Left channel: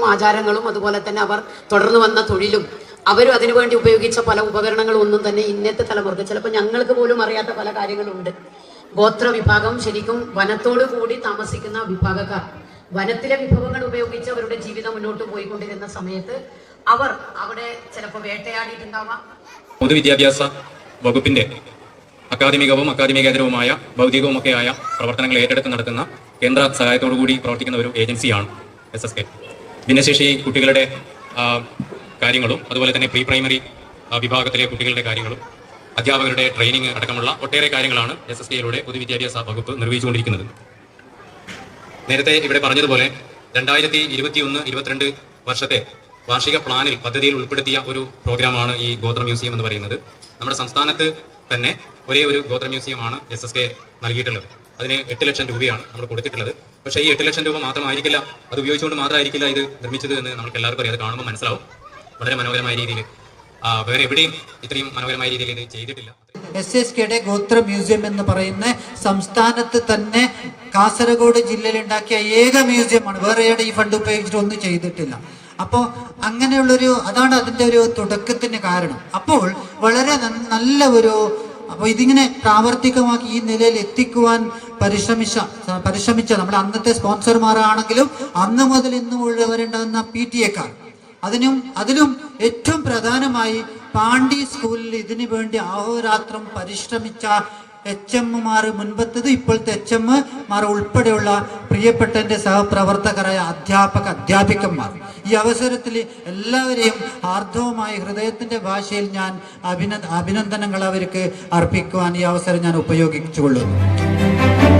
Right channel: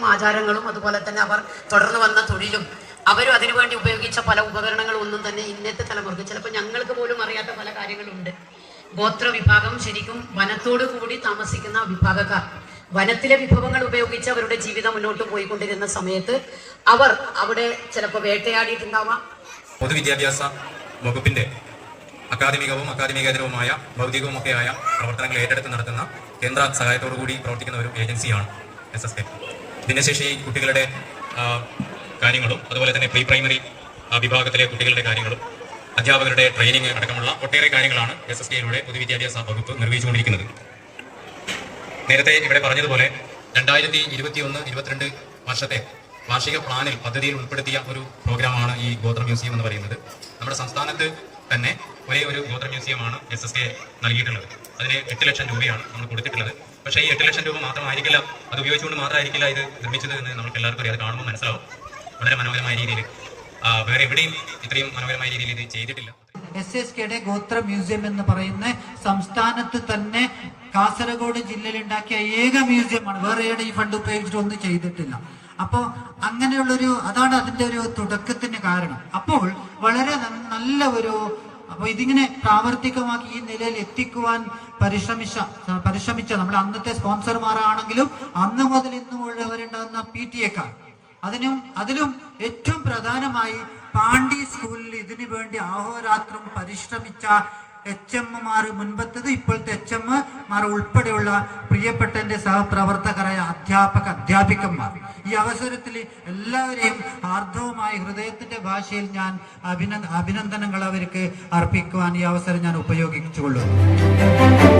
രീതികളും ആചാരങ്ങളും അതുപോലെ തന്നെ അവർ തുടർന്നു വന്ന തൊഴിലും അവരും അതിനുവേണ്ടി ഉപയോഗിച്ച പല ഉപകരണങ്ങളും ഒന്നും തന്നെ ഇന്നത്തെ തലമുറക്ക് ചിലപ്പോൾ ഞങ്ങൾക്ക് പോലും അറിയാത്ത പല കാര്യങ്ങളുണ്ട്. ഗോത്ര വിഭാഗം ശരിക്കും വനത്തോടു കൂടി താമസിക്കുന്ന വിഭാഗക്കാർ വനത്തിലെ വിഭവങ്ങൾ ഉപയോഗിച്ച് അവരുടെ ജീവിതം മുന്നോട്ട് പോയിക്കൊണ്ടിരുന്ന സമയത്ത് അവർ അവിടെ ചിലപ്പോൾ വേട്ടയാടിയിട്ടുണ്ടാവാം. പൊതുവിദ്യാഭ്യാസ വകുപ്പിന്റെ അക്കാദമികവും അക്കാദമികേതരവുമായ ഭൗതികവുമൊക്കെയായ പ്രവർത്തനങ്ങൾ ഏറ്റെടുത്ത് നടത്തുന്ന കേന്ദ്ര സഹായത്തോടുകൂടി പ്രവർത്തിക്കുന്ന ഒരു ഏജൻസിയാണ് SSK. ഭിന്നശേഷി കുട്ടികളുടെ കാര്യങ്ങളും അതുപോലെ തന്നെ പ്രീ പ്രൈമറി വിഭാഗത്തിലെ കുട്ടികളുടെ കാര്യങ്ങളും അധ്യാപകരുടെ ട്രെയിനിങ് അടക്കമുള്ള ഒട്ടേറെ കാര്യങ്ങളാണ് SSKയിലൂടെ പൊതുവിദ്യാഭ്യാസ വകുപ്പ് നിർവഹിച്ചുകൊണ്ടിരിക്കുന്നത്. നേരത്തെ ഇവിടെ പറഞ്ഞതുപോലെ 2021-22 വർഷത്തെ വാർഷിക പ്ലാനിൽ പദ്ധതിയിൽ ഉൾപ്പെടുത്തിയ ഒരു പ്രോഗ്രാമാണ് ഈ ഗോത്ര മ്യൂസിയം എന്ന് പറയുന്നത്. നമ്മുടെ സംസ്ഥാനത്ത് തന്നെ ഒരേ ഒരു ഗോത്ര മ്യൂസിയമാണ് SSK നൽകിയിട്ടുള്ളത്. അതിന് 8 ലക്ഷം രൂപയാണ് നമ്മൾ കൊടുത്തിട്ടുള്ളത്. പക്ഷേ ഈ 8 ലക്ഷം രൂപ മാത്രമായിരിക്കില്ല, അത് ഉപയോഗിച്ചുകൊണ്ട് മാത്രമായിരിക്കില്ല ഇത് നിർമ്മിച്ചത് എന്ന് നമുക്ക് എല്ലാവർക്കും അറിയാം. അത് കാണുമ്പോൾ മനസ്സിലാവും. വളരെ മനോഹരമായ രീതിയിൽ വേറെ എവിടെയും ഇത്രയും മനോഹരമായ രീതിയിൽ ഇത് ചെയ്തിട്ടില്ല. SSKയുടെ ഗോത്ര മ്യൂസിയം എന്ന് പറയുന്ന സംസ്ഥാനത്ത് തന്നെ കാസർഗോഡ് ജില്ലയിൽ ഉണ്ടാക്കിയ ഏക മ്യൂസിയമാണ്. വേറെ എവിടെ ഈ ഫണ്ട് ഉപയോഗിച്ചിട്ട് ഒന്നും ചെയ്തിട്ടില്ല. അപ്പോൾ അങ്ങനെയുള്ളൊരു അതാണ് അതിൻ്റെ ഒരു തുടക്കത്തിന് കാരണം. അപ്പോൾ വളരെ നല്ല ഒരു അപ്പോൾ ഇതിങ്ങനെ പ്രാവർത്തികമാക്കി ഈ നിലയിൽ എത്തിക്കുവാൻ പരിശ്രമിച്ച നമ്മുടെ അന്നത്തെ സ്പോൺസർമാരാണെങ്കിലും അന്ന് മുതൽ ഇന്നും ഉള്ളവരുണ്ടാകുന്ന PTA-ക്കാർ അതിലും ഏറ്റവും പ്രധാനമായി പാണ്ഡി സ്കൂളിൽ ഇതിനു വേണ്ടി അഹോരാത്രം പരിശ്രമിച്ച HM-മാർ, മുൻപത്തത് ഇപ്പോഴത്തെ HM-മാർ ഉൾപ്പെടെയുള്ള പ്രിയപ്പെട്ട എൻ്റെ സഹപ്രവർത്തകരായ അധ്യാപകന്മാർ, ഈ അവസരത്തിൽ എല്ലാവരെയും ആർദ്രവുമായി ഹൃദയത്തിന്റെ ഭാഷയിൽ ഞാൻ അഭിനന്ദനങ്ങൾ അവർക്ക് അർപ്പിക്കുവാൻ ഈ അവസരം ഞാൻ ഉപയോഗിച്ചുകൊള്ളുന്നു.